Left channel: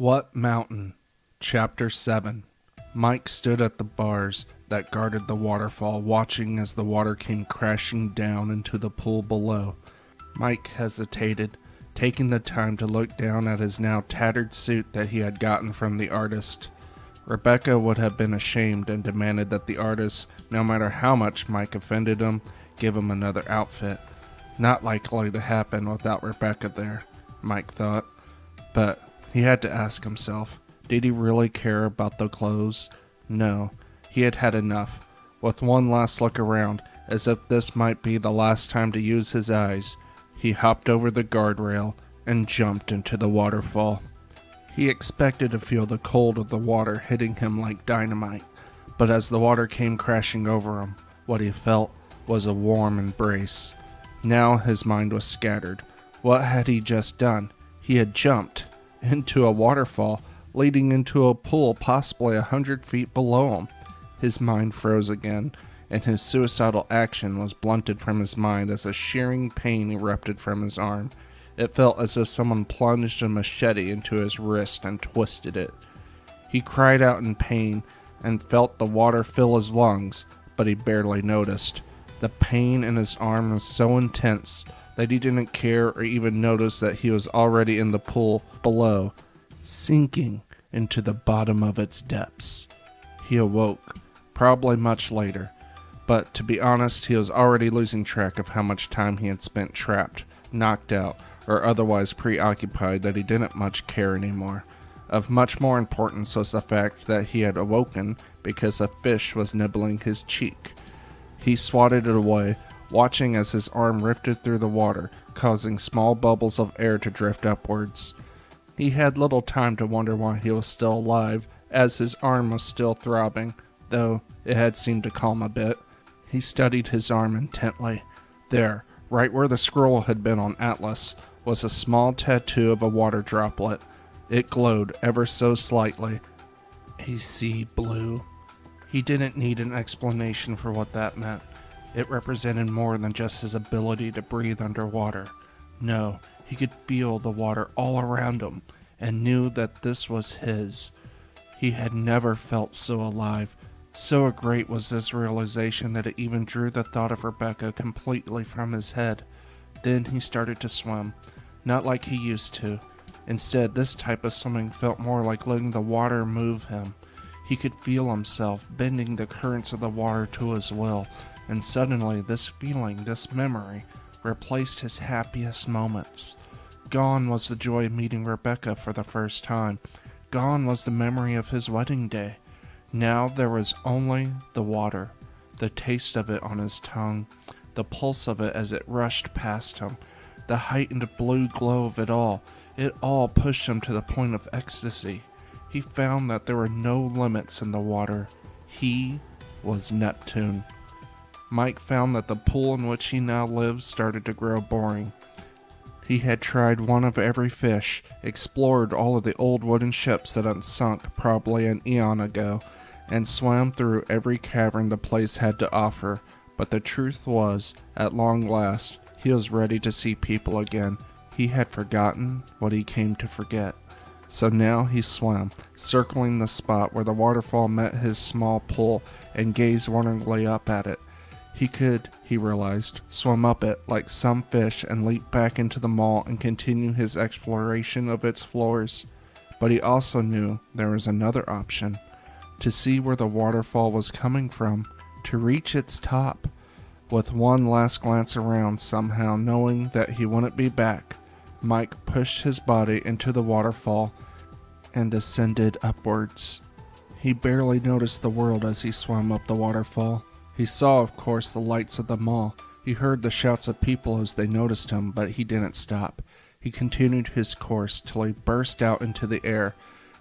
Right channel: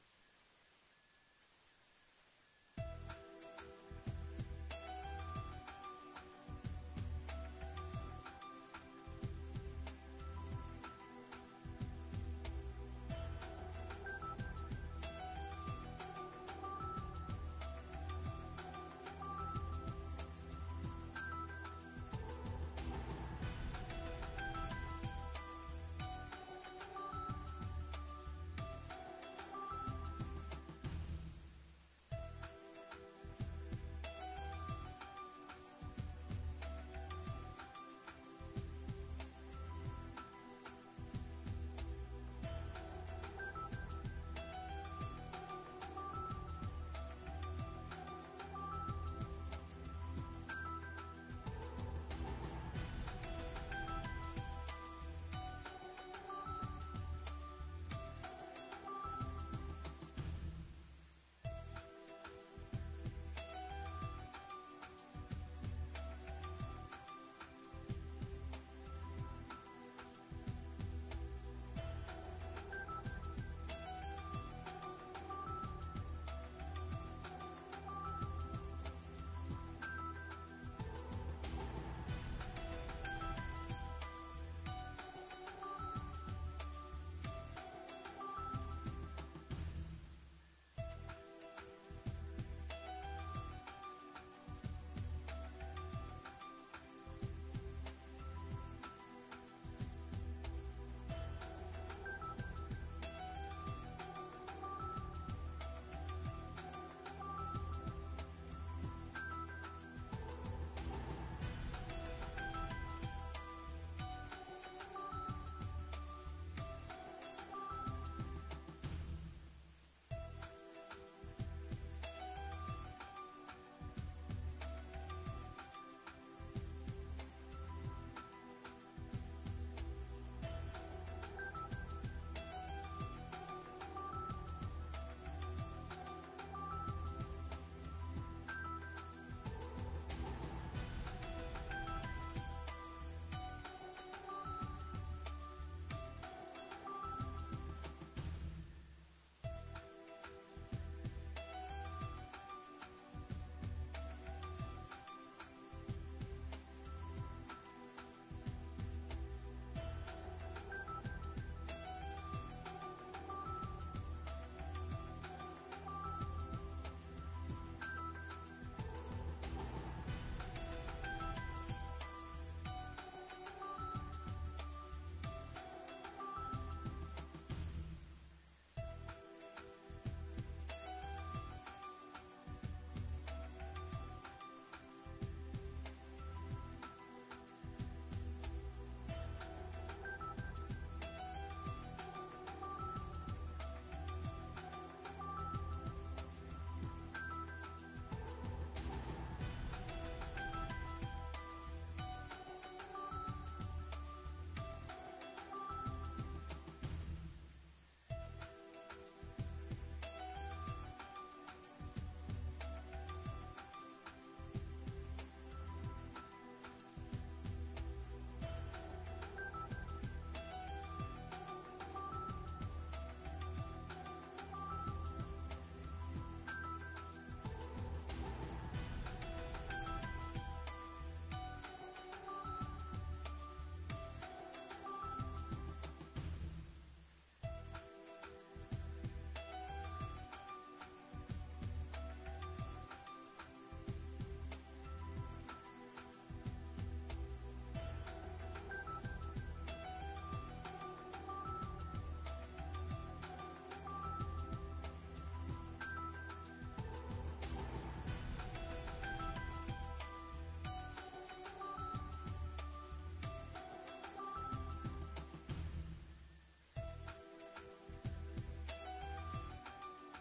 What Mountain? Chapter 7. Mike stood at the bars that guarded the waterfall, watching as the water came crashing down into the pool below. Mike hesitated, taking the time to look down at his now tattered suit that he had gotten from the artist. Rebecca would have been ashamed and demanded that the artist, no matter how much Mike offended him, give him another outfit. Not likely to happen without Rebecca there, Mike thought. But he had to ask himself, did he really care about the clothes? No, he had had enough. With one last look around, as if this might be the last time to use his eyes, he hopped over the guardrail and jumped into the waterfall. He expected to feel the cold of the water hitting him like dynamite, but as the water came crashing over him, what he felt was a warm embrace. Now his mind was scattered. What had he just done? He had jumped into a waterfall leading into a pool possibly 100 feet below him. His mind froze again, and his suicidal action was blunted from his mind as a shearing pain erupted from his arm. It felt as if someone plunged a machete into his wrist and twisted it. He cried out in pain and felt the water fill his lungs, but he barely noticed. The pain in his arm was so intense that he didn't care or even notice that he was already in the pool below, sinking into the bottom of its depths. He awoke, probably much later, but to be honest, he was already losing track of how much time he had spent trapped, knocked out, or otherwise preoccupied that he didn't much care anymore. Of much more importance was the fact that he had awoken because a fish was nibbling his cheek. He swatted it away, watching as his arm rifted through the water, causing small bubbles of air to drift upwards. He had little time to wonder why he was still alive, as his arm was still throbbing, though it had seemed to calm a bit. He studied his arm intently. There, right where the scroll had been on Atlas, was a small tattoo of a water droplet. It glowed ever so slightly. A sea blue. He didn't need an explanation for what that meant. It represented more than just his ability to breathe underwater. No, he could feel the water all around him, and knew that this was his. He had never felt so alive. So great was this realization that it even drew the thought of Rebecca completely from his head. Then he started to swim, not like he used to. Instead, this type of swimming felt more like letting the water move him. He could feel himself bending the currents of the water to his will, and suddenly this feeling, this memory, replaced his happiest moments. Gone was the joy of meeting Rebecca for the first time. Gone was the memory of his wedding day. Now there was only the water, the taste of it on his tongue, the pulse of it as it rushed past him, the heightened blue glow of it all. It all pushed him to the point of ecstasy. He found that there were no limits in the water. He was Neptune. Mike found that the pool in which he now lived started to grow boring. He had tried one of every fish, explored all of the old wooden ships that had sunk probably an eon ago, and swam through every cavern the place had to offer. But the truth was, at long last, he was ready to see people again. He had forgotten what he came to forget. So now he swam, circling the spot where the waterfall met his small pool, and gazed wonderingly up at it. He could, he realized, swim up it like some fish and leap back into the mall and continue his exploration of its floors. But he also knew there was another option. To see where the waterfall was coming from, to reach its top. With one last glance around, somehow knowing that he wouldn't be back, Mike pushed his body into the waterfall and descended upwards. He barely noticed the world as he swam up the waterfall. He saw, of course, the lights of the mall. He heard the shouts of people as they noticed him, but he didn't stop. He continued his course till he burst out into the air.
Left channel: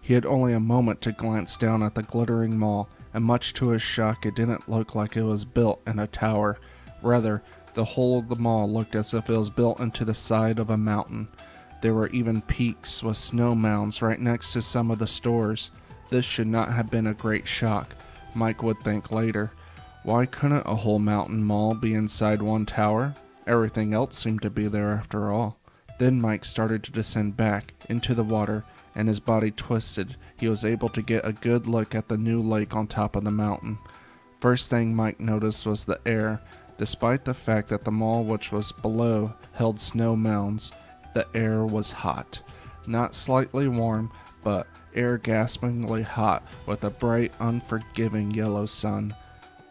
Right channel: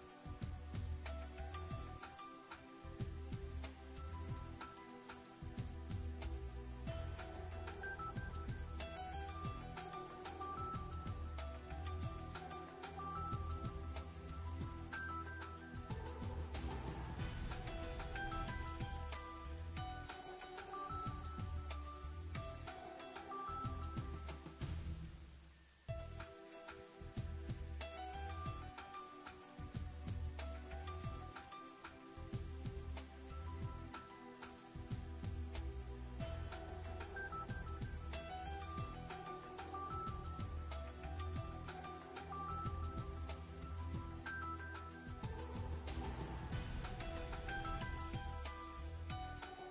He had only a moment to glance down at the glittering mall, and much to his shock, it didn't look like it was built in a tower. Rather, the whole of the mall looked as if it was built into the side of a mountain. There were even peaks with snow mounds right next to some of the stores. This should not have been a great shock, Mike would think later. Why couldn't a whole mountain mall be inside one tower? Everything else seemed to be there after all. Then Mike started to descend back into the water, and his body twisted, he was able to get a good look at the new lake on top of the mountain. First thing Mike noticed was the air. Despite the fact that the mall which was below held snow mounds, the air was hot. Not slightly warm, but air gaspingly hot with a bright, unforgiving yellow sun.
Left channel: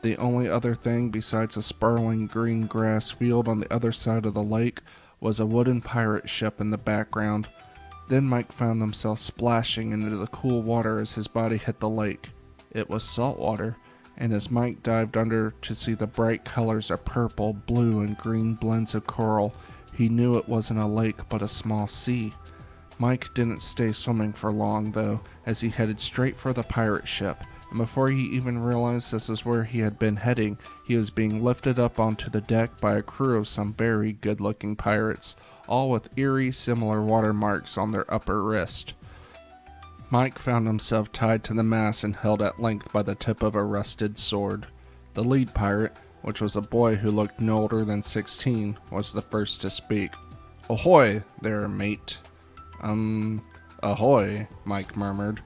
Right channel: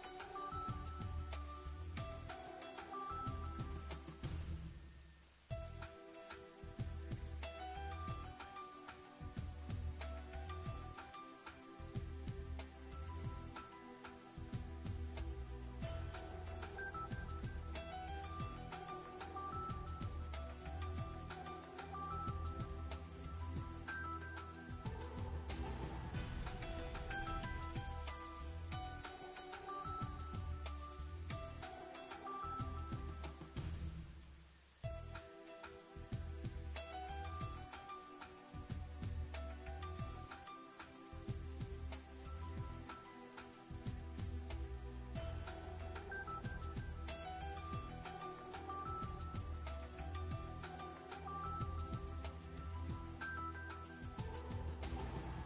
The only other thing besides a sprawling green grass field on the other side of the lake was a wooden pirate ship in the background. Then Mike found himself splashing into the cool water as his body hit the lake. It was salt water, and as Mike dived under to see the bright colors of purple, blue, and green blends of coral, he knew it wasn't a lake but a small sea. Mike didn't stay swimming for long, though, as he headed straight for the pirate ship, and before he even realized this is where he had been heading, he was being lifted up onto the deck by a crew of some very good-looking pirates, all with eerie, similar watermarks on their upper wrist. Mike found himself tied to the mast and held at length by the tip of a rusted sword. The lead pirate, which was a boy who looked no older than 16, was the first to speak. "Ahoy there, mate." Ahoy," Mike murmured.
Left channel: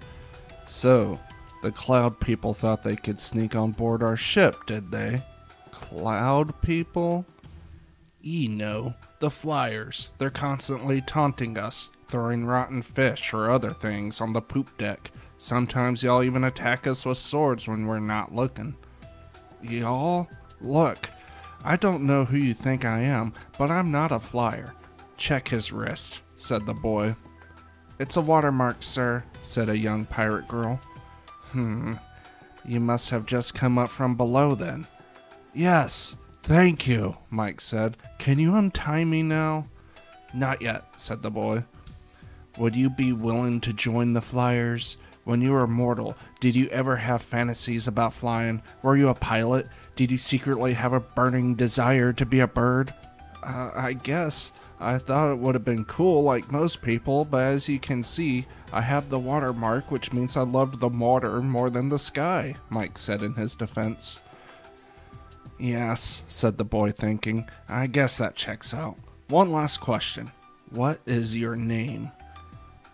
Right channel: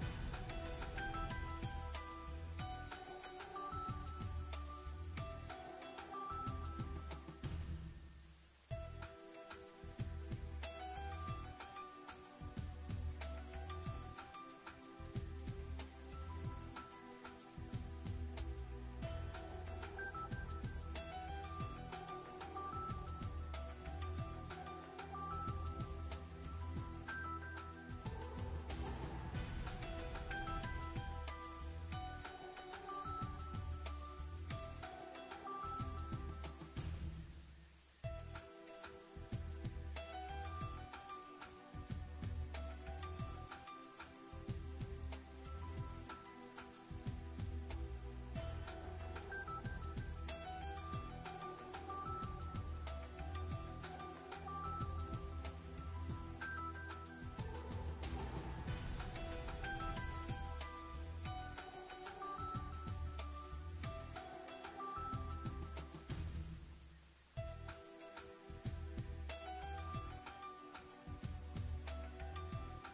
"So, the Cloud people thought they could sneak on board our ship, did they?" "Cloud people?" "Ye know, the flyers. They're constantly taunting us, throwing rotten fish or other things on the poop deck. Sometimes y'all even attack us with swords when we're not looking." "Y'all? Look, I don't know who you think I am, but I'm not a flyer." "Check his wrist," said the boy. "It's a watermark, sir," said a young pirate girl. You must have just come up from below then." "Yes, thank you," Mike said. "Can you untie me now?" "Not yet," said the boy. "Would you be willing to join the flyers? When you were mortal, did you ever have fantasies about flying? Were you a pilot? Did you secretly have a burning desire to be a bird?" I guess. I thought it would have been cool like most people, but as you can see, I have the watermark, which means I loved the water more than the sky," Mike said in his defense. "Yes," said the boy, thinking. "I guess that checks out. One last question. What is your name?"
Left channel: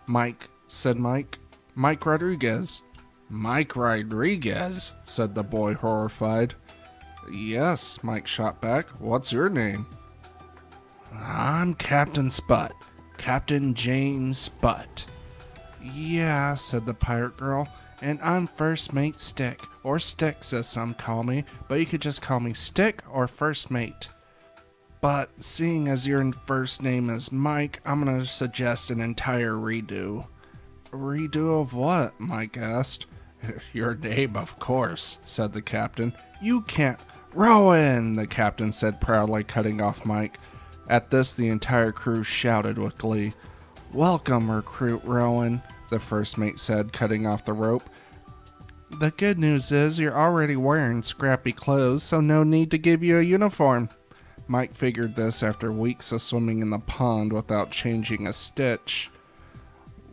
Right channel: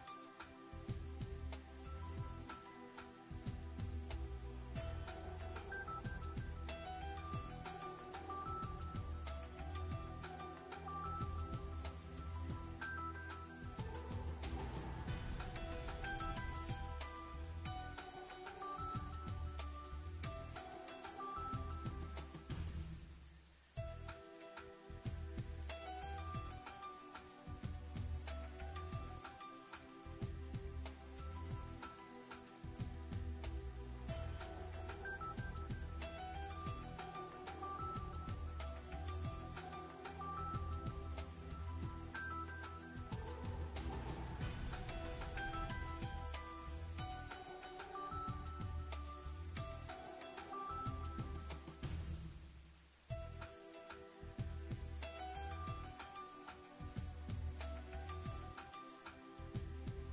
"Mike," said Mike. "Mike Rodriguez." "Mike Rodriguez?" said the boy, horrified. "Yes," Mike shot back. "What's your name?" "I'm Captain Sput. Captain James Sput." "Yeah," said the pirate girl, "and I'm First Mate Stick, or Sticks as some call me, but you could just call me Stick or First Mate." "But seeing as your first name is Mike, I'm gonna suggest an entire redo." "Redo of what?" Mike asked. "Your name, of course," said the captain. "You can't—" "Rowan!" the captain said proudly, cutting off Mike. At this, the entire crew shouted with glee. "Welcome, Recruit Rowan," the first mate said, cutting off the rope. "The good news is you're already wearing scrappy clothes, so no need to give you a uniform." Mike figured this after weeks of swimming in the pond without changing a stitch.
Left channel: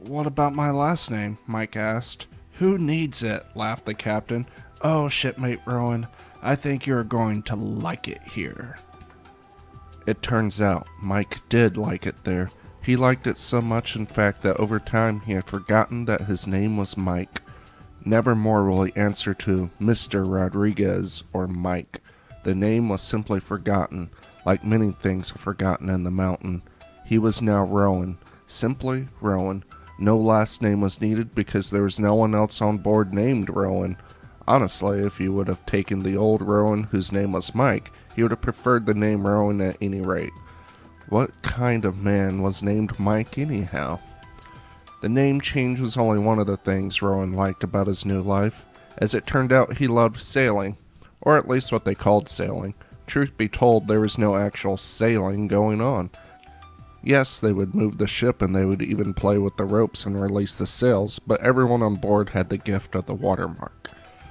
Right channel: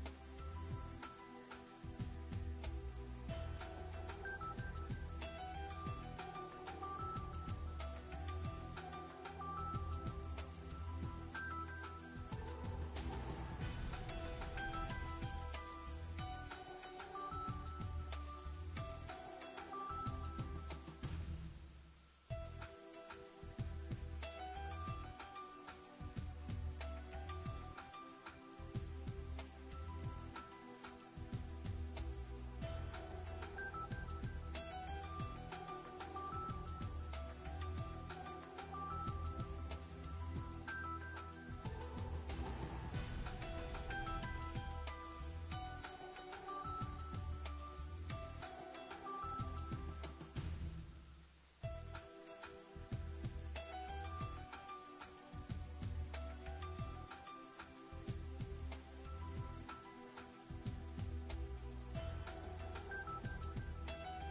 "What about my last name?" Mike asked. "Who needs it?" laughed the captain. "Oh, shipmate Rowan, I think you're going to like it here." It turns out Mike did like it there. He liked it so much, in fact, that over time he had forgotten that his name was Mike. Never more will he answer to Mr. Rodriguez or Mike. The name was simply forgotten, like many things forgotten in the mountain. He was now Rowan, simply Rowan. No last name was needed because there was no one else on board named Rowan. Honestly, if you would have taken the old Rowan whose name was Mike, he would have preferred the name Rowan at any rate. What kind of man was named Mike anyhow? The name change was only one of the things Rowan liked about his new life. As it turned out, he loved sailing, or at least what they called sailing. Truth be told, there was no actual sailing going on. Yes, they would move the ship and they would even play with the ropes and release the sails, but everyone on board had the gift of the watermark.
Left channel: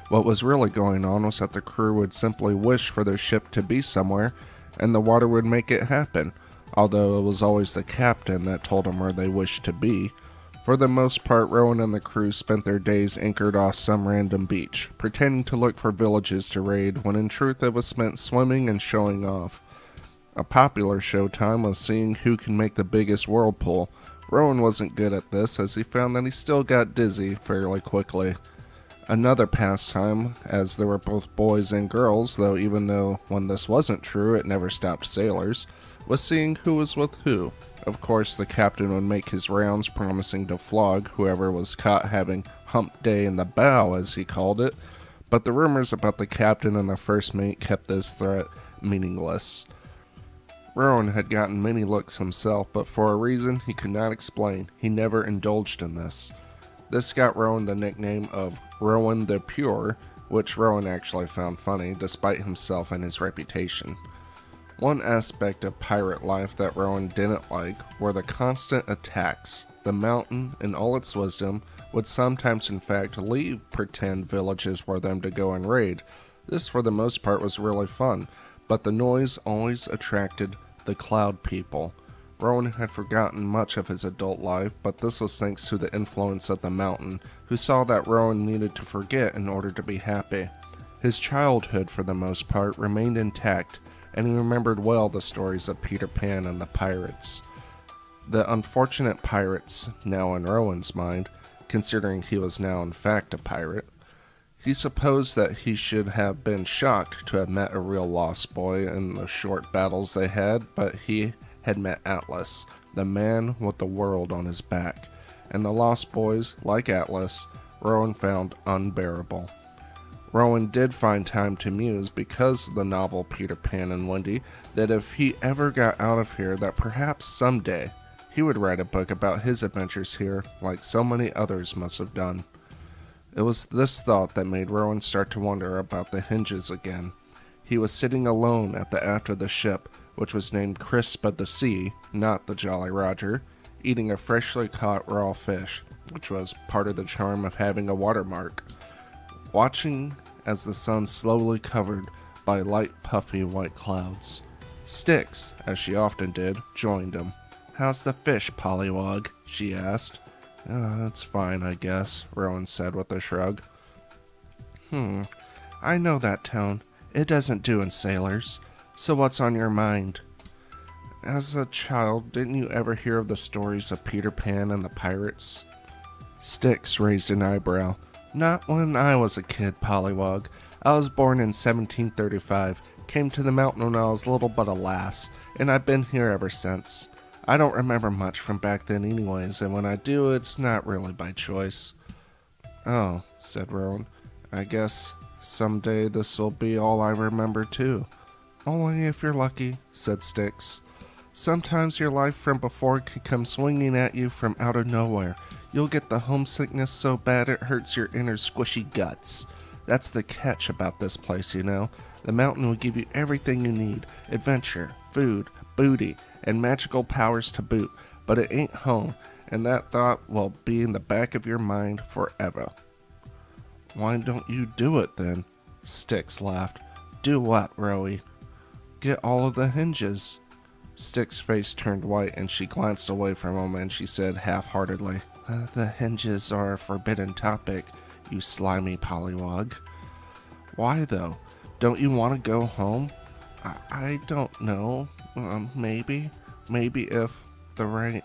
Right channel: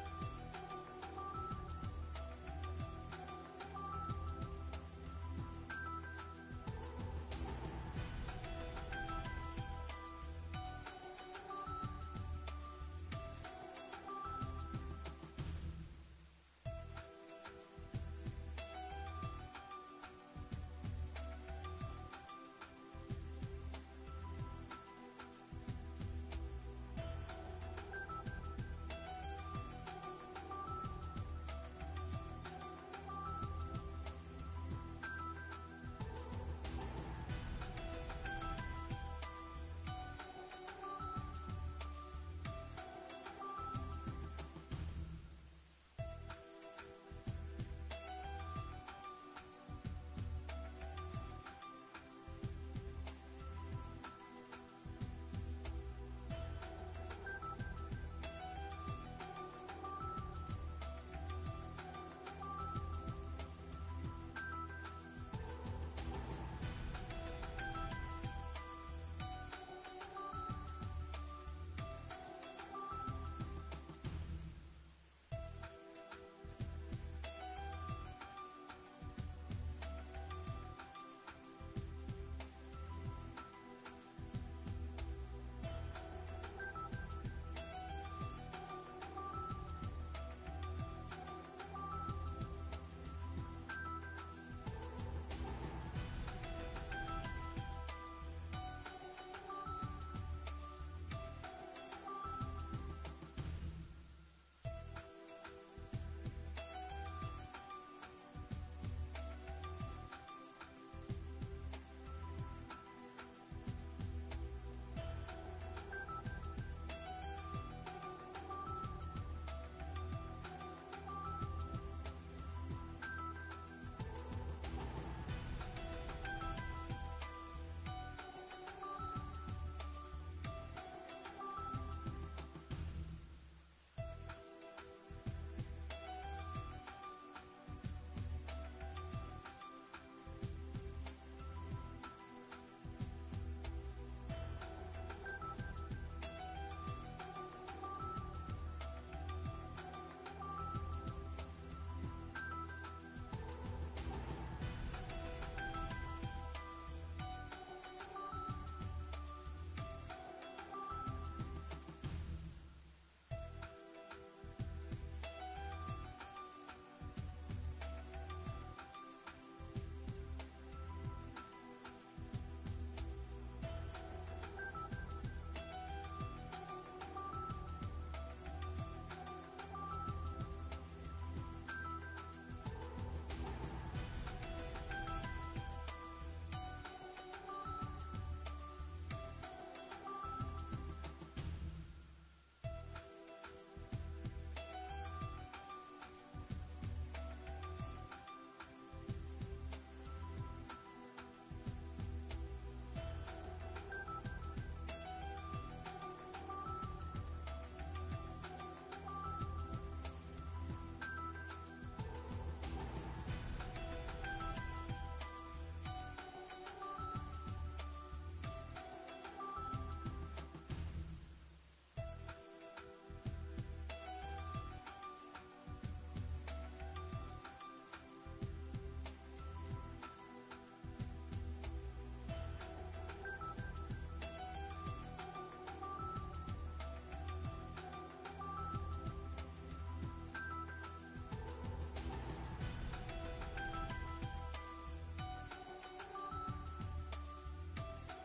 What was really going on was that the crew would simply wish for their ship to be somewhere, and the water would make it happen, although it was always the captain that told them where they wished to be. For the most part, Rowan and the crew spent their days anchored off some random beach, pretending to look for villages to raid, when in truth it was spent swimming and showing off. A popular showtime was seeing who can make the biggest whirlpool, Rowan wasn't good at this, as he found that he still got dizzy fairly quickly. Another pastime, as there were both boys and girls, even though when this wasn't true it never stopped sailors, was seeing who was with who. Of course, the captain would make his rounds promising to flog whoever was caught having hump day in the bow, as he called it, but the rumors about the captain and the first mate kept this threat meaningless. Rowan had gotten many looks himself, but for a reason he could not explain, he never indulged in this. This got Rowan the nickname of Rowan the Pure, which Rowan actually found funny, despite himself and his reputation. One aspect of pirate life that Rowan didn't like were the constant attacks. The mountain, in all its wisdom, would sometimes in fact leave pretend villages for them to go and raid. This for the most part was really fun, but the noise always attracted the cloud people. Rowan had forgotten much of his adult life, but this was thanks to the influence of the mountain, who saw that Rowan needed to forget in order to be happy. His childhood, for the most part, remained intact, and he remembered well the stories of Peter Pan and the pirates. The unfortunate pirates, now in Rowan's mind, considering he was now in fact a pirate. He supposed that he should have been shocked to have met a real lost boy in the short battles they had, but he had met Atlas, the man with the world on his back, and the lost boys, like Atlas, Rowan found unbearable. Rowan did find time to muse because of the novel Peter Pan and Wendy, that if he ever got out of here, that perhaps someday he would write a book about his adventures here, like so many others must have done. It was this thought that made Rowan start to wonder about the hinges again. He was sitting alone at the aft of the ship, which was named Crisp of the Sea, not the Jolly Roger, eating a freshly caught raw fish, which was part of the charm of having a watermark. Watching as the sun slowly covered by light puffy white clouds. Styx, as she often did, joined him. "How's the fish, Pollywog?" she asked. "It's fine, I guess," Rowan said with a shrug. I know that tone. It doesn't do in sailors. So what's on your mind? As a child, didn't you ever hear of the stories of Peter Pan and the pirates? Styx raised an eyebrow. Not when I was a kid, Pollywog. I was born in 1735, came to the mountain when I was little but a lass, and I've been here ever since. I don't remember much from back then anyways, and when I do, it's not really by choice. Oh, said Rowan. I guess someday this'll be all I remember too. Only if you're lucky, said Styx. Sometimes your life from before can come swinging at you from out of nowhere. You'll get the homesickness so bad it hurts your inner squishy guts. That's the catch about this place, you know. The mountain will give you everything you need. Adventure, food, booty, and magical powers to boot. But it ain't home, and that thought will be in the back of your mind forever. Why don't you do it then? Styx laughed. Do what, Rowie? Get all of the hinges. Styx's face turned white and she glanced away for a moment and she said half-heartedly, The hinges are a forbidden topic, you slimy pollywog. Why though? Don't you want to go home? I don't know. Maybe. Maybe if the right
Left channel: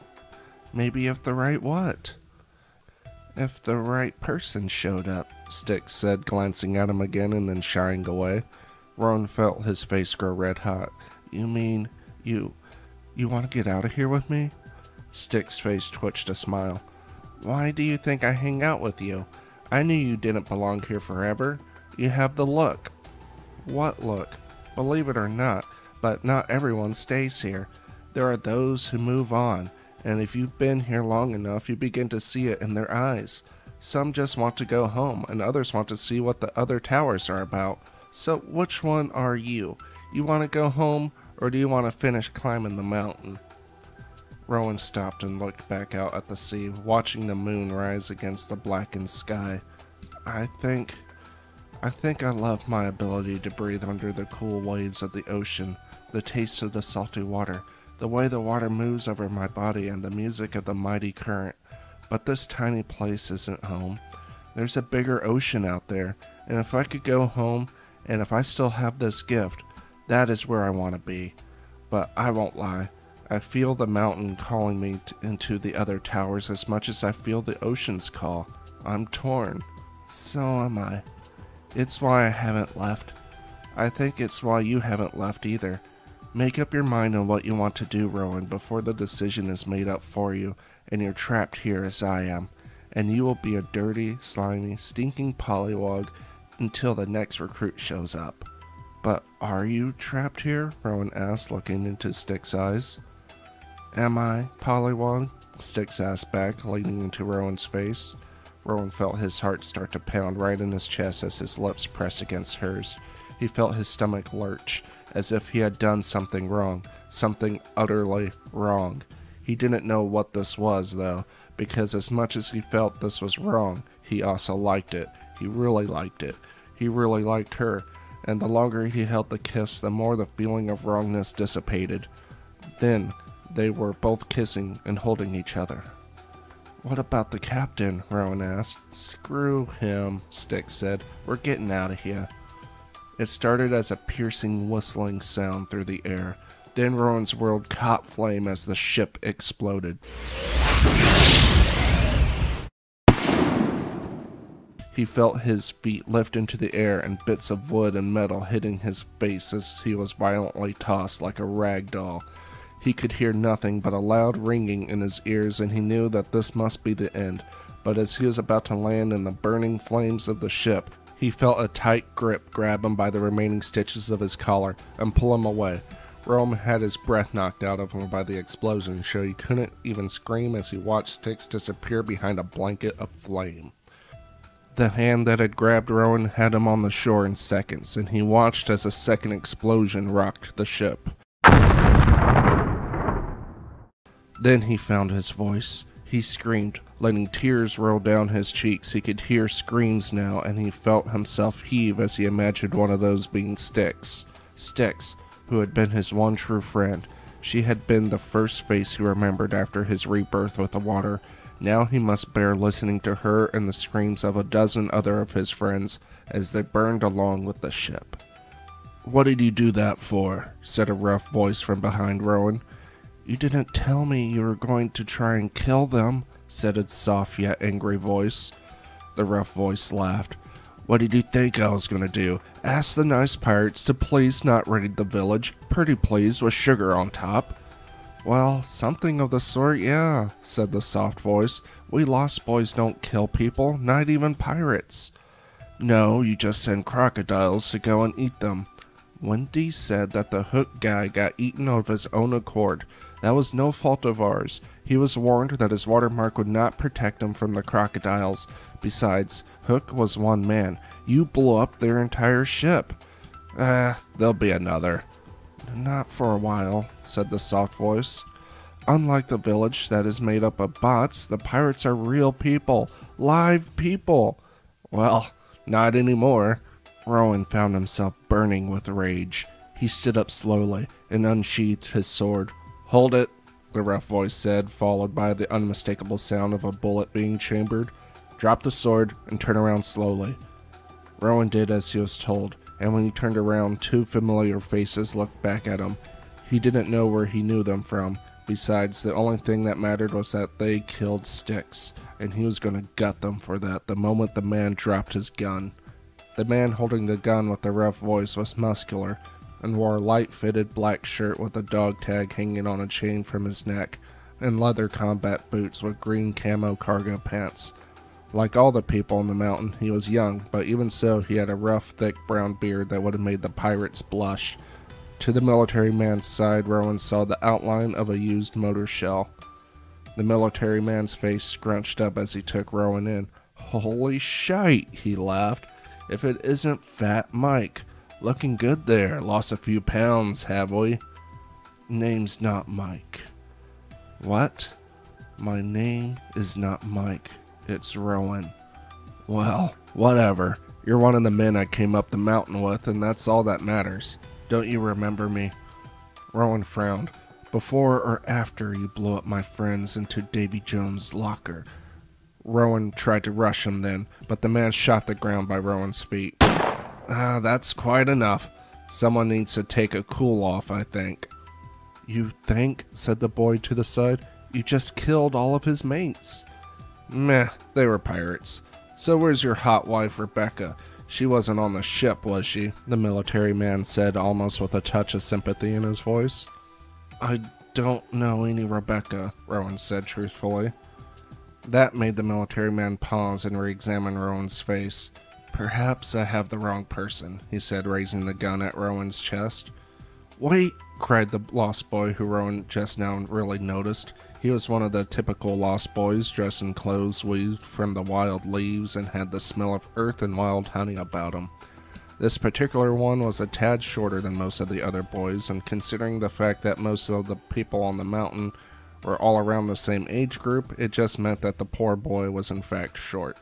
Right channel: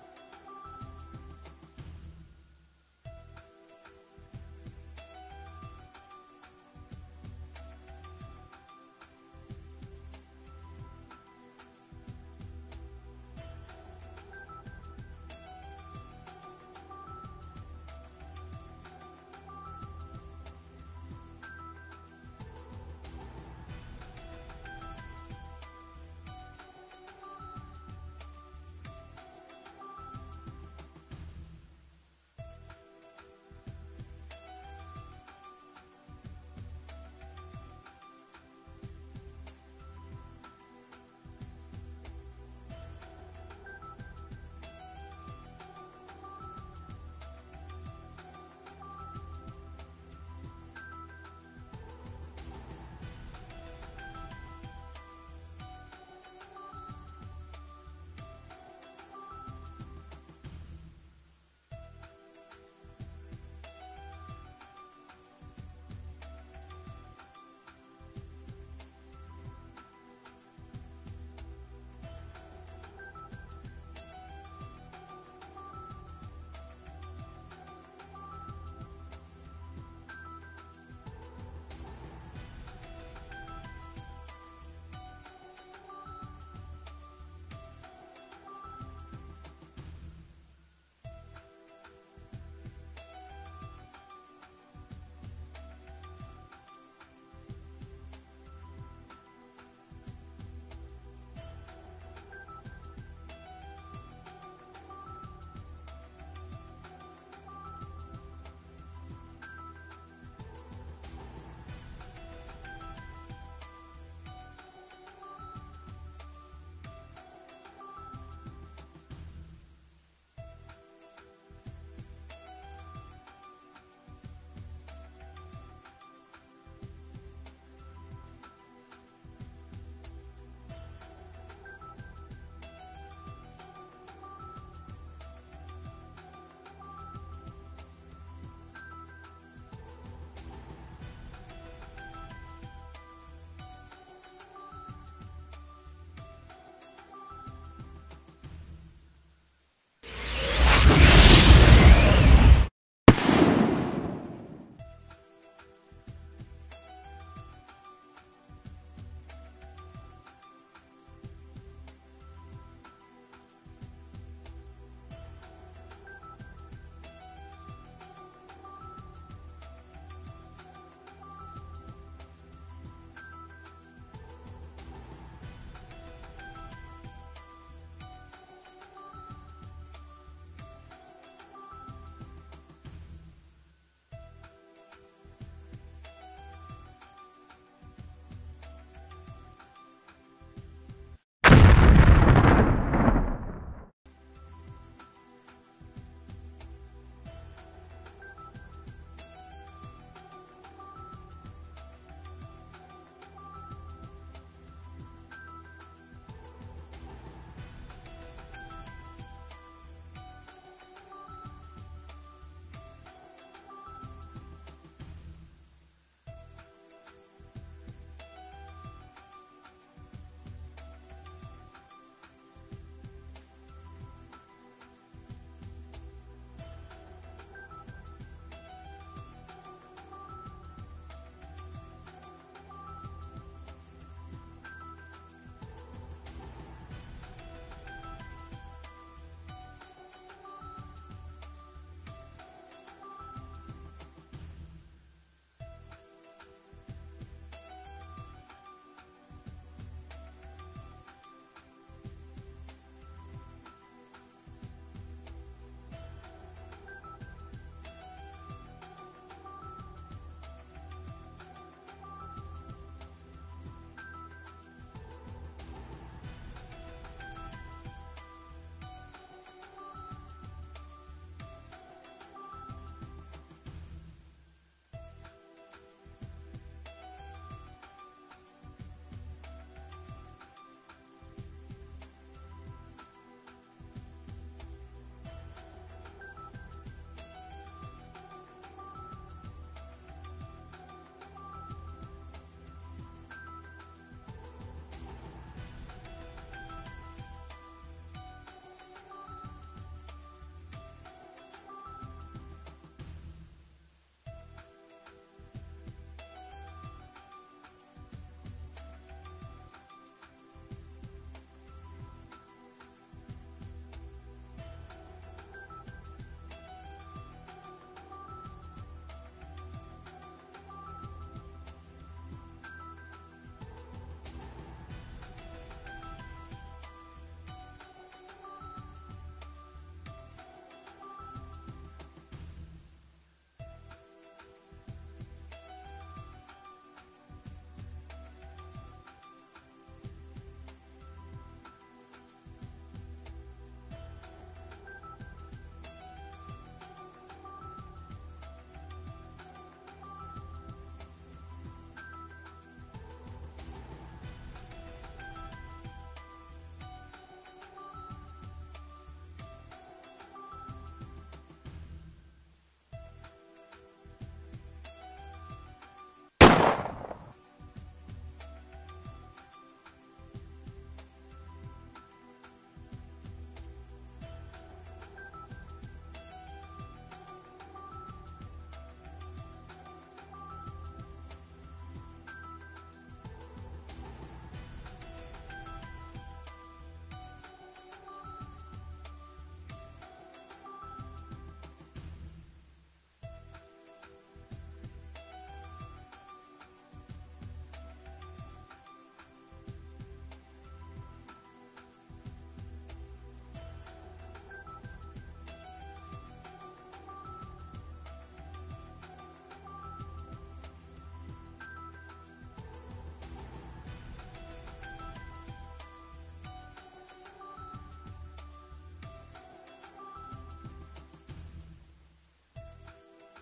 what? If the right person showed up, Styx said, glancing at him again and then shying away. Rowan felt his face grow red hot. You mean, you want to get out of here with me? Styx's face twitched a smile. Why do you think I hang out with you? I knew you didn't belong here forever. You have the look. What look? Believe it or not, but not everyone stays here. There are those who move on, and if you've been here long enough, you begin to see it in their eyes. Some just want to go home, and others want to see what the other towers are about. So which one are you? You want to go home, or do you want to finish climbing the mountain? Rowan stopped and looked back out at the sea, watching the moon rise against the blackened sky. I think I love my ability to breathe under the cool waves of the ocean, the taste of the salty water, the way the water moves over my body, and the music of the mighty current. But this tiny place isn't home. There's a bigger ocean out there, and if I could go home, and if I still have this gift, that is where I want to be. But I won't lie. I feel the mountain calling me into the other towers as much as I feel the ocean's call. I'm torn. So am I. It's why I haven't left. I think it's why you haven't left either. Make up your mind on what you want to do, Rowan, before the decision is made up for you, and you're trapped here as I am. And you will be a dirty, slimy, stinking pollywog until the next recruit shows up. But are you trapped here? Rowan asked, looking into Stick's eyes. Am I, pollywog? Styx asked back, leaning into Rowan's face. Rowan felt his heart start to pound right in his chest as his lips pressed against hers. He felt his stomach lurch, as if he had done something wrong, something utterly wrong. He didn't know what this was, though, because as much as he felt this was wrong, he also liked it. He really liked it. He really liked her, and the longer he held the kiss, the more the feeling of wrongness dissipated. Then, they were both kissing and holding each other. What about the captain? Rowan asked. Screw him, Styx said. We're getting out of here. It started as a piercing whistling sound through the air. Then Rowan's world caught flame as the ship exploded. He felt his feet lift into the air and bits of wood and metal hitting his face as he was violently tossed like a rag doll. He could hear nothing but a loud ringing in his ears, and he knew that this must be the end. But as he was about to land in the burning flames of the ship, he felt a tight grip grab him by the remaining stitches of his collar and pull him away. Rowan had his breath knocked out of him by the explosion, so he couldn't even scream as he watched Styx disappear behind a blanket of flame. The hand that had grabbed Rowan had him on the shore in seconds, and he watched as a second explosion rocked the ship. Then he found his voice. He screamed, letting tears roll down his cheeks. He could hear screams now, and he felt himself heave as he imagined one of those being Styx. Styx, who had been his one true friend. She had been the first face he remembered after his rebirth with the water. Now he must bear listening to her and the screams of a dozen other of his friends as they burned along with the ship. What did you do that for? Said a rough voice from behind Rowan. You didn't tell me you were going to try and kill them, said a soft yet angry voice. The rough voice laughed. What did you think I was going to do? Ask the nice pirates to please not raid the village, pretty please, with sugar on top. Well, something of the sort, yeah, said the soft voice. We lost boys don't kill people, not even pirates. No, you just send crocodiles to go and eat them. Wendy said that the Hook guy got eaten of his own accord. That was no fault of ours. He was warned that his watermark would not protect him from the crocodiles. Besides, Hook was one man. You blew up their entire ship. There'll be another. Not for a while, said the soft voice. Unlike the village that is made up of bots, the pirates are real people. Live people. Well, not anymore. Rowan found himself burning with rage. He stood up slowly and unsheathed his sword. Hold it, the rough voice said, followed by the unmistakable sound of a bullet being chambered. Drop the sword and turn around slowly. Rowan did as he was told, and when he turned around, two familiar faces looked back at him. He didn't know where he knew them from. Besides, the only thing that mattered was that they killed Styx, and he was going to gut them for that the moment the man dropped his gun. The man holding the gun with the rough voice was muscular, and wore a light-fitted black shirt with a dog tag hanging on a chain from his neck, and leather combat boots with green camo cargo pants. Like all the people on the mountain, he was young, but even so, he had a rough, thick brown beard that would have made the pirates blush. To the military man's side, Rowan saw the outline of a used motor shell. The military man's face scrunched up as he took Rowan in. Holy shite, he laughed. If it isn't Fat Mike. Looking good there. Lost a few pounds, have we? Name's not Mike. What? My name is not Mike. It's Rowan. Well, whatever. You're one of the men I came up the mountain with, and that's all that matters. Don't you remember me? Rowan frowned. Before or after you blew up my friends into Davy Jones' locker? Rowan tried to rush him then, but the man shot the ground by Rowan's feet. That's quite enough. Someone needs to take a cool off, I think. You think, said the boy to the side. You just killed all of his mates. Meh, they were pirates. So where's your hot wife, Rebecca? She wasn't on the ship, was she? The military man said, almost with a touch of sympathy in his voice. I don't know any Rebecca, Rowan said truthfully. That made the military man pause and re-examine Rowan's face. Perhaps I have the wrong person, he said, raising the gun at Rowan's chest. Wait, cried the lost boy who Rowan just now really noticed. He was one of the typical lost boys, dressed in clothes weaved from the wild leaves and had the smell of earth and wild honey about him. This particular one was a tad shorter than most of the other boys, and considering the fact that most of the people on the mountain were all around the same age group, it just meant that the poor boy was in fact short.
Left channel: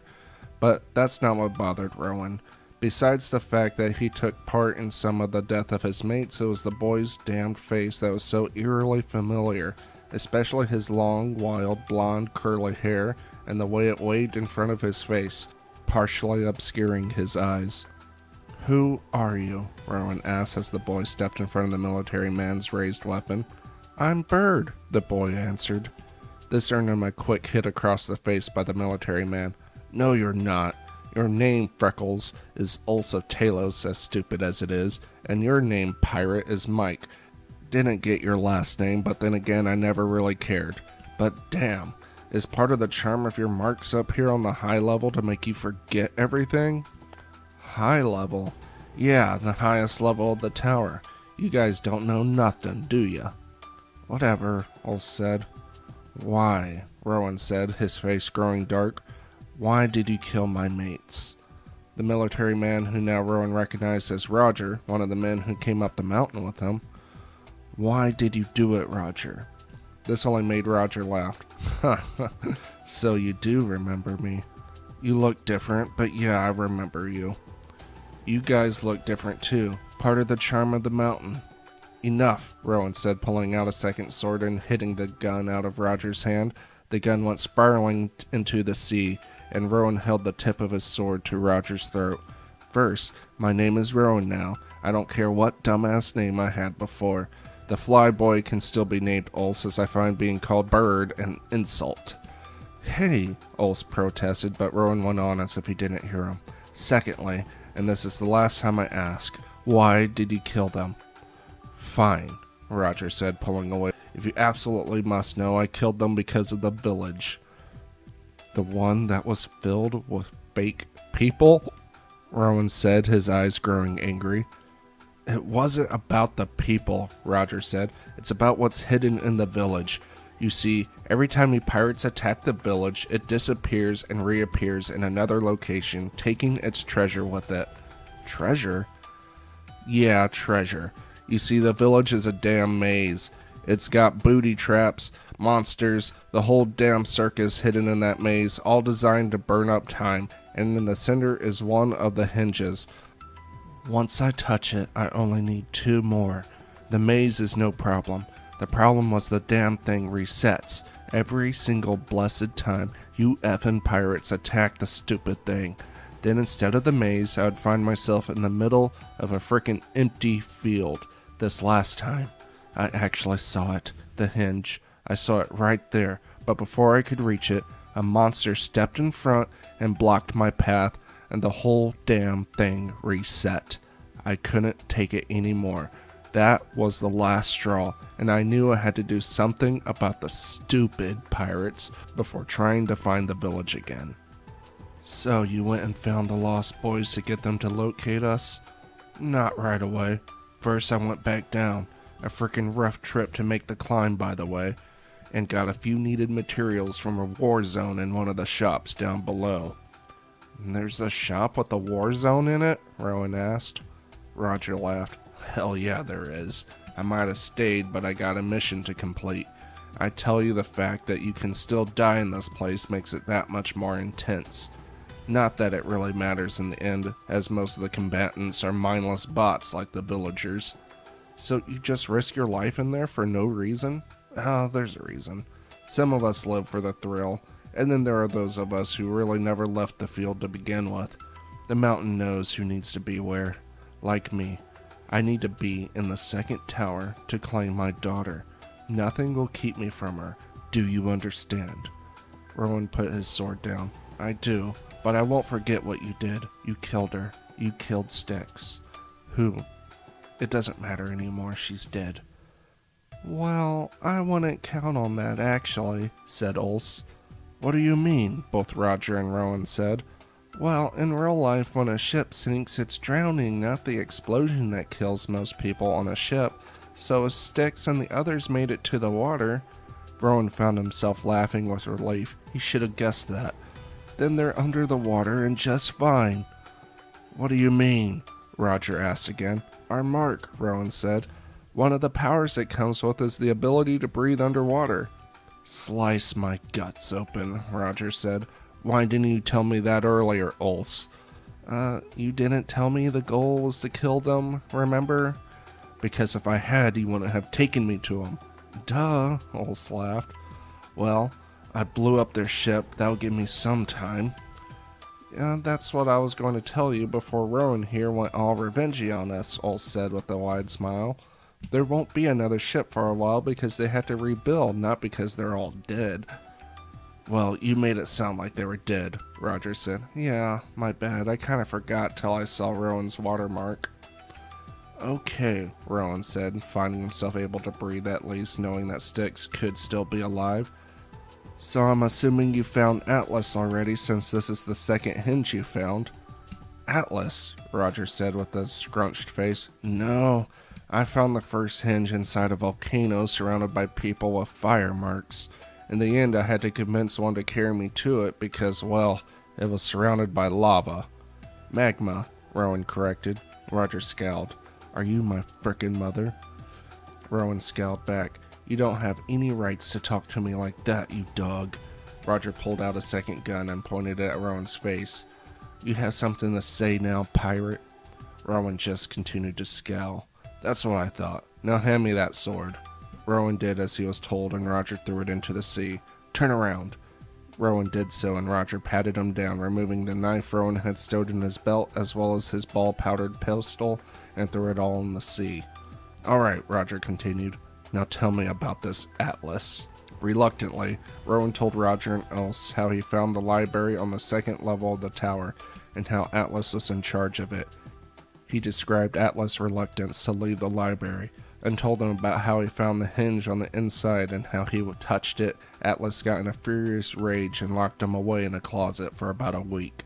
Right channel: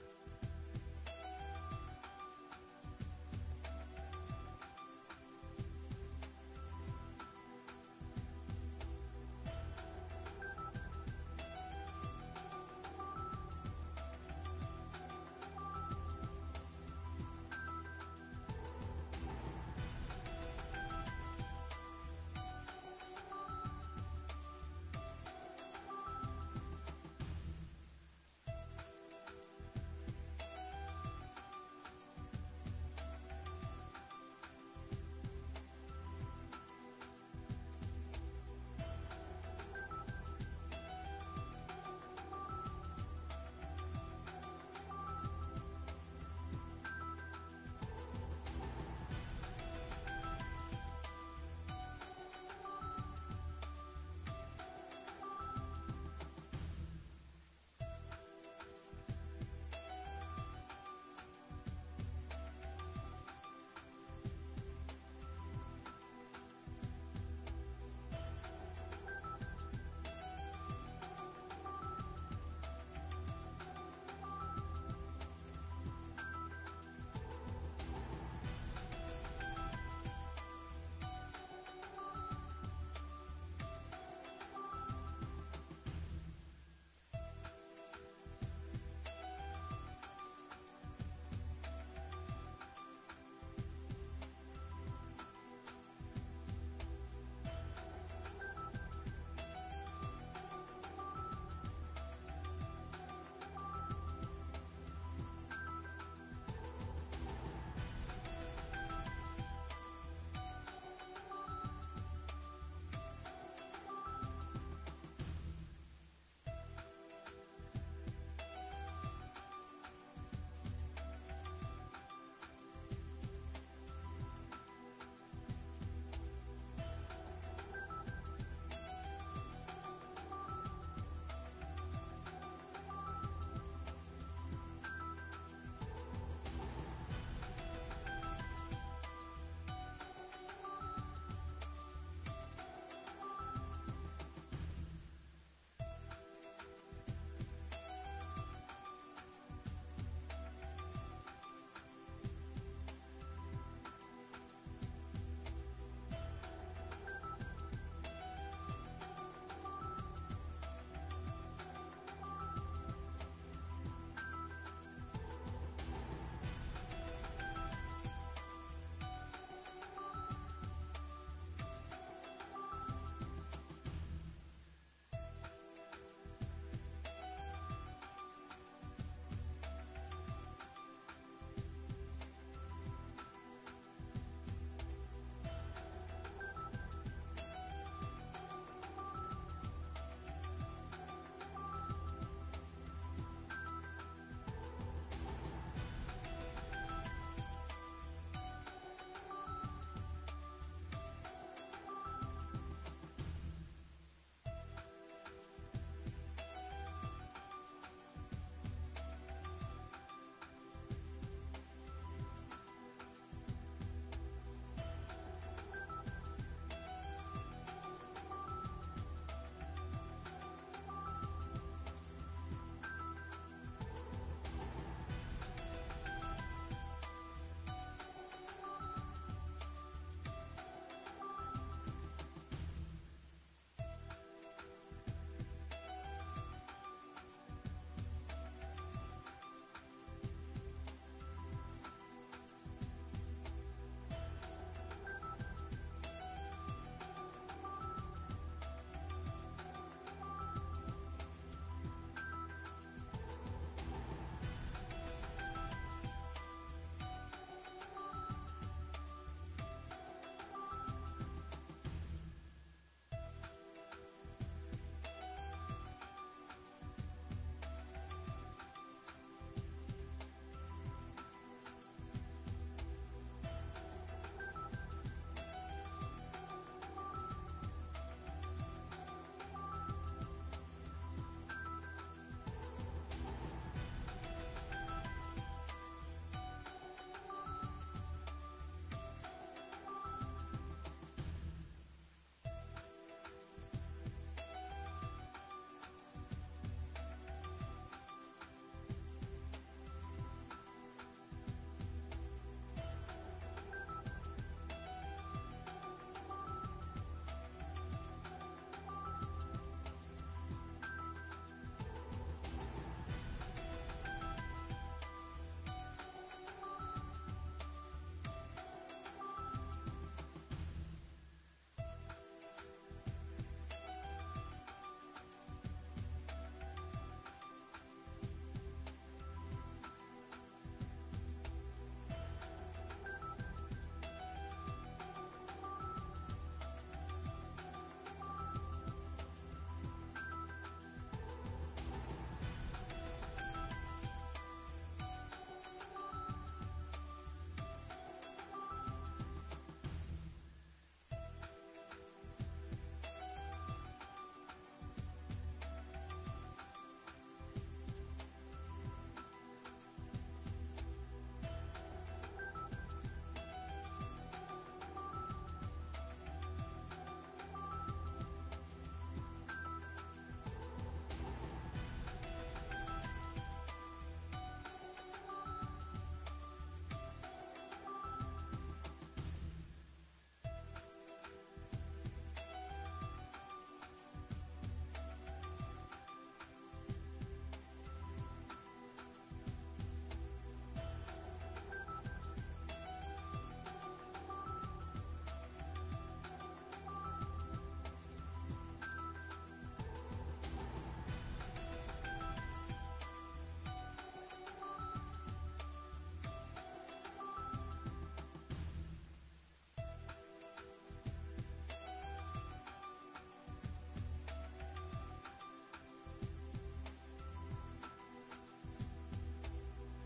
But that's not what bothered Rowan. Besides the fact that he took part in some of the death of his mates, it was the boy's damned face that was so eerily familiar, especially his long, wild, blonde, curly hair and the way it waved in front of his face, partially obscuring his eyes. Who are you? Rowan asked as the boy stepped in front of the military man's raised weapon. I'm Bird, the boy answered. This earned him a quick hit across the face by the military man. No, you're not. Your name, Freckles, is Ulsa Talos, as stupid as it is, and your name, Pirate, is Mike. Didn't get your last name, but then again, I never really cared. But damn, is part of the charm of your marks up here on the high level to make you forget everything? High level? Yeah, the highest level of the tower. You guys don't know nothing, do ya? Whatever, Ulsa said. Why? Rowan said, his face growing dark. Why did you kill my mates? The military man, who now Rowan recognized as Roger, one of the men who came up the mountain with him. Why did you do it, Roger? This only made Roger laugh. So you do remember me. You look different, but yeah, I remember you. You guys look different too, part of the charm of the mountain. Enough, Rowan said, pulling out a second sword and hitting the gun out of Roger's hand. The gun went spiraling into the sea, and Rowan held the tip of his sword to Roger's throat. First, my name is Rowan now. I don't care what dumbass name I had before. The flyboy can still be named Ulse, as I find being called Bird an insult. Hey, Ulse protested, but Rowan went on as if he didn't hear him. Secondly, and this is the last time I ask, why did you kill them? Fine, Roger said, pulling away. If you absolutely must know, I killed them because of the village. The one that was filled with fake people? Rowan said, his eyes growing angry. It wasn't about the people, Roger said. It's about what's hidden in the village. You see, every time you pirates attack the village, it disappears and reappears in another location, taking its treasure with it. Treasure? Yeah, treasure. You see, the village is a damn maze. It's got booty traps, monsters, the whole damn circus hidden in that maze, all designed to burn up time, and in the center is one of the hinges. Once I touch it, I only need 2 more. The maze is no problem. The problem was the damn thing resets every single blessed time you effing pirates attack the stupid thing. Then instead of the maze, I would find myself in the middle of a frickin' empty field. This last time, I actually saw it, the hinge. I saw it right there, but before I could reach it, a monster stepped in front and blocked my path, and the whole damn thing reset. I couldn't take it anymore. That was the last straw, and I knew I had to do something about the stupid pirates before trying to find the village again. So you went and found the lost boys to get them to locate us? Not right away. First I went back down, a frickin' rough trip to make the climb by the way, and got a few needed materials from a war zone in one of the shops down below. And there's a shop with a war zone in it? Rowan asked. Roger laughed. Hell yeah, there is. I might have stayed, but I got a mission to complete. I tell you, the fact that you can still die in this place makes it that much more intense. Not that it really matters in the end, as most of the combatants are mindless bots like the villagers. So you just risk your life in there for no reason? Oh, there's a reason. Some of us live for the thrill, and then there are those of us who really never left the field to begin with. The mountain knows who needs to be where. Like me, I need to be in the second tower to claim my daughter. Nothing will keep me from her. Do you understand? Rowan put his sword down. I do, but I won't forget what you did. You killed her. You killed Styx. Who? It doesn't matter anymore. She's dead. Well, I wouldn't count on that, actually, said Ulse. What do you mean? Both Roger and Rowan said. Well, in real life, when a ship sinks, it's drowning, not the explosion that kills most people on a ship. So if Styx and the others made it to the water... Rowan found himself laughing with relief. He should have guessed that. Then they're under the water and just fine. What do you mean? Roger asked again. Our mark, Rowan said. One of the powers it comes with is the ability to breathe underwater. Slice my guts open, Roger said. Why didn't you tell me that earlier, Ulse? You didn't tell me the goal was to kill them, remember? Because if I had, you wouldn't have taken me to them. Duh, Ulse laughed. Well, I blew up their ship. That'll give me some time. That's what I was going to tell you before Rowan here went all revengey on us, Ulse said with a wide smile. There won't be another ship for a while because they had to rebuild, not because they're all dead. Well, you made it sound like they were dead, Roger said. Yeah, my bad. I kind of forgot till I saw Rowan's watermark. Okay, Rowan said, finding himself able to breathe at least, knowing that Styx could still be alive. So I'm assuming you found Atlas already, since this is the second hinge you found. Atlas, Roger said with a scrunched face. No, I found the first hinge inside a volcano surrounded by people with fire marks. In the end, I had to convince one to carry me to it because, well, it was surrounded by lava. Magma, Rowan corrected. Roger scowled. Are you my frickin' mother? Rowan scowled back. You don't have any rights to talk to me like that, you dog. Roger pulled out a second gun and pointed it at Rowan's face. You have something to say now, pirate? Rowan just continued to scowl. That's what I thought. Now hand me that sword. Rowan did as he was told, and Roger threw it into the sea. Turn around. Rowan did so, and Roger patted him down, removing the knife Rowan had stowed in his belt, as well as his ball-powdered pistol, and threw it all in the sea. All right, Roger continued. Now tell me about this Atlas. Reluctantly, Rowan told Roger and Ulse how he found the library on the second level of the tower, and how Atlas was in charge of it. He described Atlas' reluctance to leave the library, and told them about how he found the hinge on the inside and how he touched it. Atlas got in a furious rage and locked him away in a closet for about a week.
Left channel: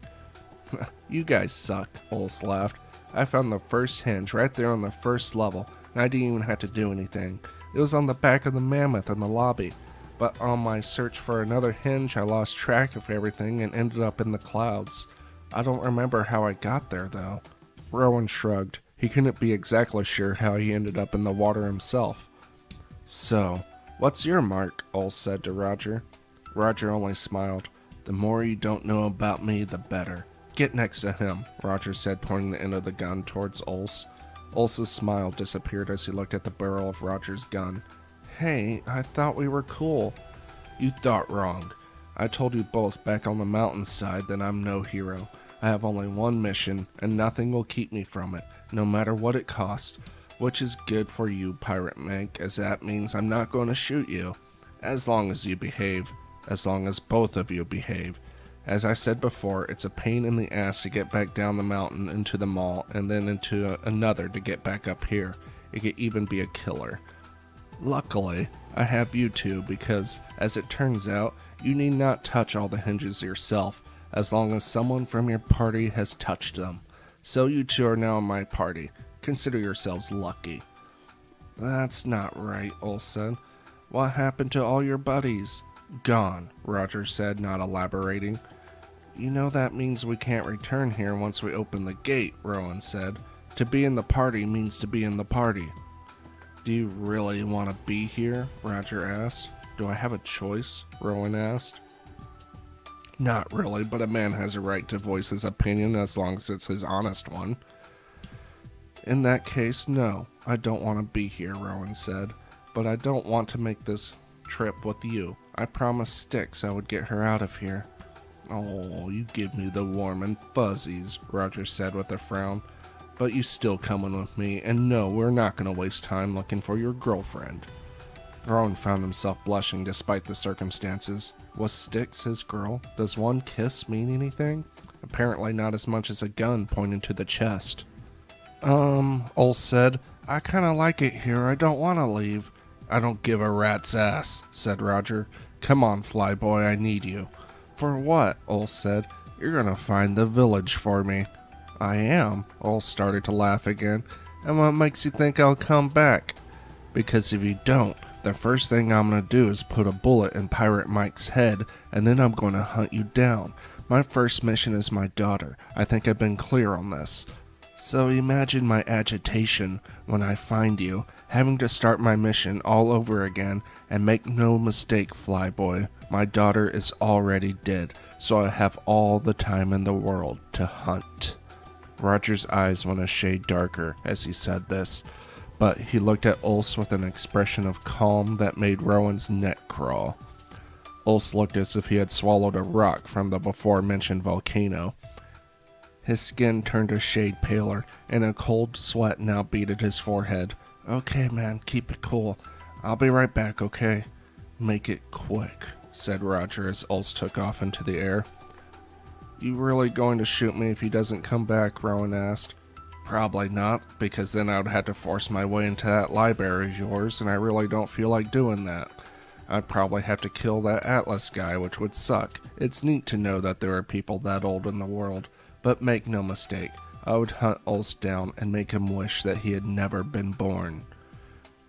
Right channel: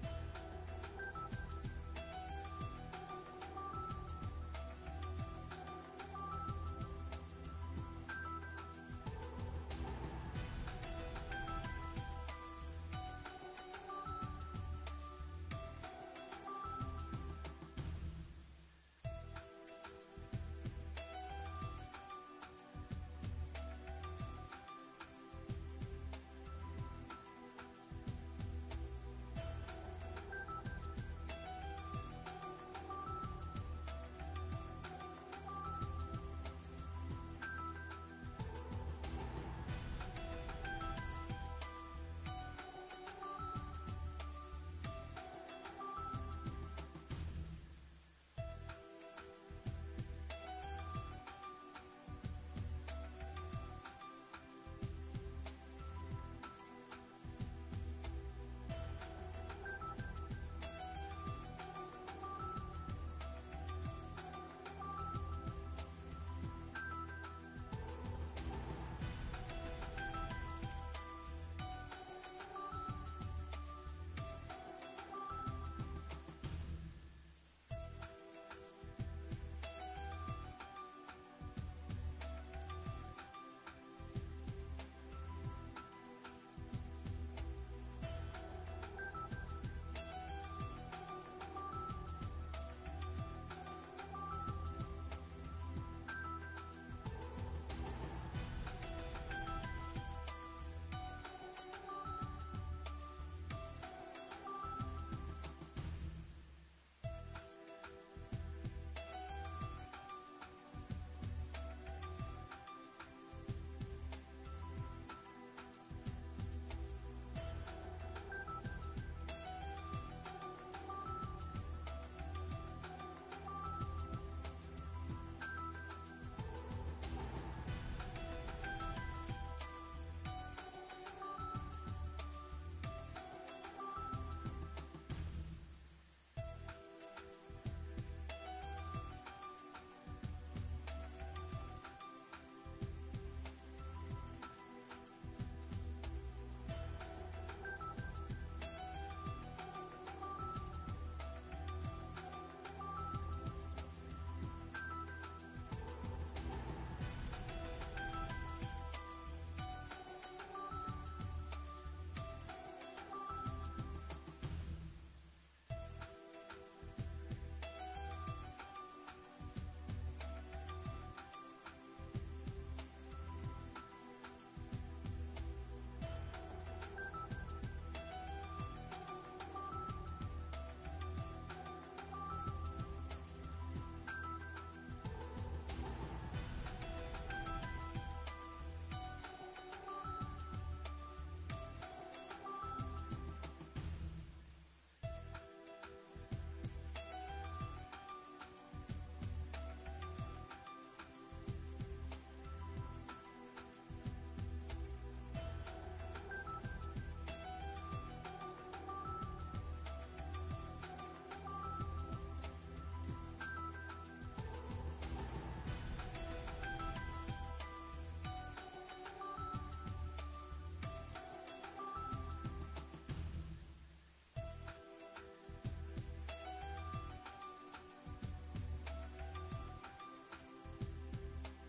You guys suck, Ulse laughed. I found the first hinge right there on the first level, and I didn't even have to do anything. It was on the back of the mammoth in the lobby. But on my search for another hinge, I lost track of everything and ended up in the clouds. I don't remember how I got there, though. Rowan shrugged. He couldn't be exactly sure how he ended up in the water himself. So, what's your mark? Ulse said to Roger. Roger only smiled. The more you don't know about me, the better. Get next to him, Roger said, pointing the end of the gun towards Ulse. Ulse's smile disappeared as he looked at the barrel of Roger's gun. Hey, I thought we were cool. You thought wrong. I told you both back on the mountainside that I'm no hero. I have only one mission, and nothing will keep me from it, no matter what it costs. Which is good for you, Pirate Meg, as that means I'm not going to shoot you. As long as you behave. As long as both of you behave. As I said before, it's a pain in the ass to get back down the mountain into the mall, and then into another to get back up here. It could even be a killer. Luckily, I have you two because, as it turns out, you need not touch all the hinges yourself, as long as someone from your party has touched them. So you two are now in my party. Consider yourselves lucky. That's not right, Ulse said. What happened to all your buddies? Gone, Roger said, not elaborating. You know that means we can't return here once we open the gate, Rowan said. To be in the party means to be in the party. Do you really want to be here? Roger asked. Do I have a choice? Rowan asked. Not really, but a man has a right to voice his opinion as long as it's his honest one. In that case, no, I don't want to be here, Rowan said. But I don't want to make this trip with you. I promised Styx I would get her out of here. Oh, you give me the warm and fuzzies, Roger said with a frown. But you still coming with me, and no, we're not going to waste time looking for your girlfriend. Rowan found himself blushing despite the circumstances. Was Styx his girl? Does one kiss mean anything? Apparently not as much as a gun pointed to the chest. Ulf said, I kinda like it here, I don't want to leave. I don't give a rat's ass, said Roger. Come on, Flyboy, I need you. For what? Ulf said. You're gonna find the village for me. I am. Ulf started to laugh again. And what makes you think I'll come back? Because if you don't, the first thing I'm gonna do is put a bullet in Pirate Mike's head, and then I'm gonna hunt you down. My first mission is my daughter. I think I've been clear on this. So imagine my agitation when I find you, having to start my mission all over again, and make no mistake, Flyboy, my daughter is already dead, so I have all the time in the world to hunt. Roger's eyes went a shade darker as he said this, but he looked at Ulf with an expression of calm that made Rowan's neck crawl. Ulf looked as if he had swallowed a rock from the before-mentioned volcano. His skin turned a shade paler, and a cold sweat now beaded his forehead. Okay, man, keep it cool. I'll be right back, okay? Make it quick, said Roger as Ulf took off into the air. You really going to shoot me if he doesn't come back? Rowan asked. Probably not, because then I would have to force my way into that library of yours, and I really don't feel like doing that. I'd probably have to kill that Atlas guy, which would suck. It's neat to know that there are people that old in the world. But make no mistake, I would hunt Ulst down and make him wish that he had never been born.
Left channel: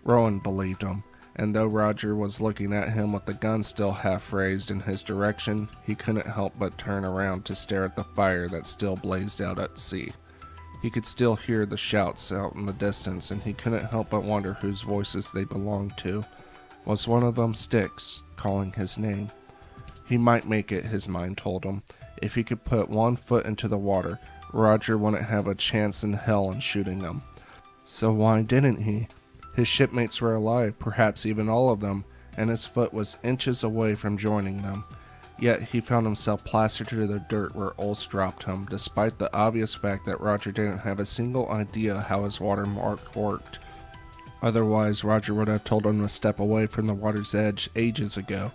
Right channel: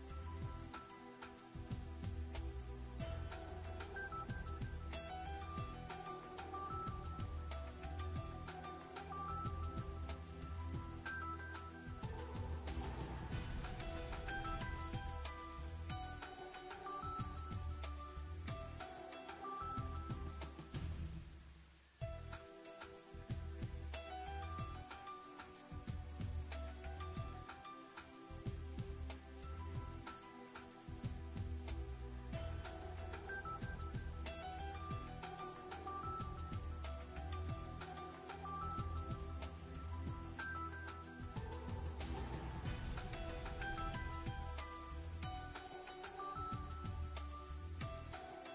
Rowan believed him, and though Roger was looking at him with the gun still half raised in his direction, he couldn't help but turn around to stare at the fire that still blazed out at sea. He could still hear the shouts out in the distance, and he couldn't help but wonder whose voices they belonged to. Was one of them Styx, calling his name? He might make it, his mind told him. If he could put one foot into the water, Roger wouldn't have a chance in hell in shooting him. So why didn't he? His shipmates were alive, perhaps even all of them, and his foot was inches away from joining them. Yet he found himself plastered to the dirt where Ulst dropped him, despite the obvious fact that Roger didn't have a single idea how his watermark worked. Otherwise, Roger would have told him to step away from the water's edge ages ago.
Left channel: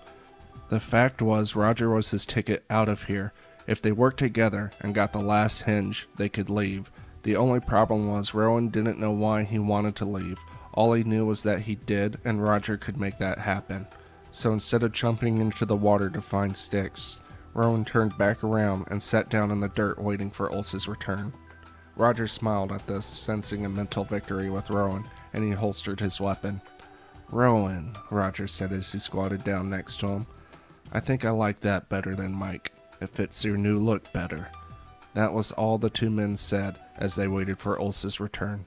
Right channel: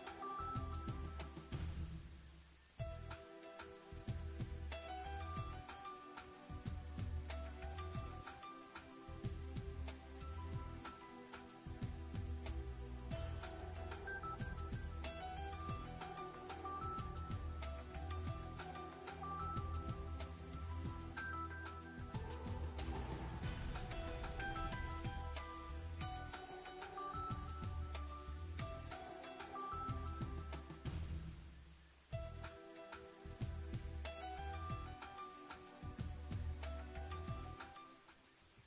The fact was, Roger was his ticket out of here. If they worked together and got the last hinge, they could leave. The only problem was Rowan didn't know why he wanted to leave. All he knew was that he did, and Roger could make that happen. So instead of jumping into the water to find Styx, Rowan turned back around and sat down in the dirt waiting for Ulst's return. Roger smiled at this, sensing a mental victory with Rowan, and he holstered his weapon. Rowan, Roger said as he squatted down next to him. I think I like that better than Mike. It fits your new look better. That was all the two men said as they waited for Ulst's return.